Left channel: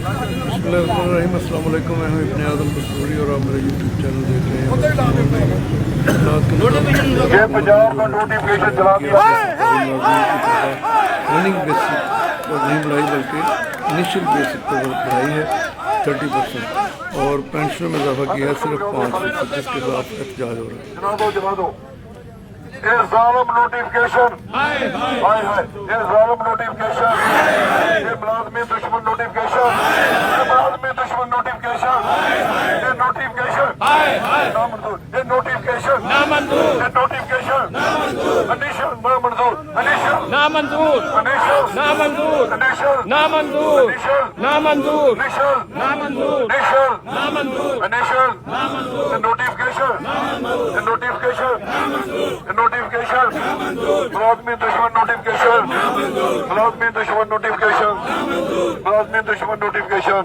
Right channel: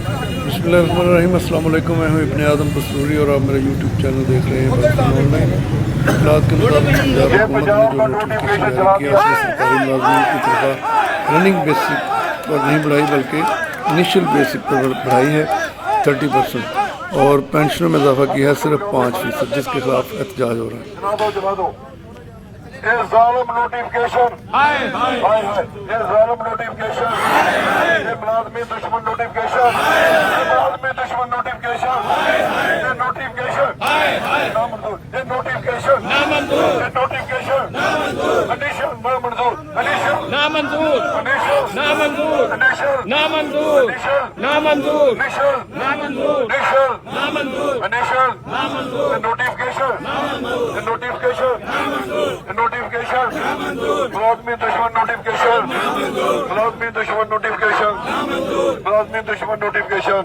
बिस्मिल्लाहिर्रहमानिर्रहीम। अस्सलाम वालेकुम। मैं हूं इब्न आदम कस्तूरी और आप मेरा यूट्यूब चैनल देख रहे हैं। रनिंग बेसिक पर नहीं बढ़ाई बल्कि इनिशियल बेसिक पर बढ़ाई है 30% और पेंशनों में इजाफा किया है सिर्फ 5%, जिसके खिलाफ एहतजाज हो रहा है। ये ज़ालिम नोटिफिकेशन, ये ज़ालिम नोटिफिकेशन, ये मुलाज़िम दुश्मन नोटिफिकेशन, ये मुलाज़िम दुश्मन नोटिफिकेशन, ये नोटिफिकेशन नामंजूर, ये नोटिफिकेशन नामंजूर, ये नोटिफिकेशन कंडीशन नामंजूर, कंडीशन नामंजूर, कंडीशन नामंजूर, कंडीशन नामंजूर, कंडीशन नामंजूर, कंडीशन नामंजूर, कंडीशन नामंजूर, कंडीशन नामंजूर, नोटिफिकेशन नामंजूर, नोटिफिकेशन नामंजूर, नोटिफिकेशन मुलाज़िम दुश्मन नोटिफिकेशन, मुलाज़िम दुश्मन नोटिफिकेशन, मुलाज़िम दुश्मन नोटिफिकेशन।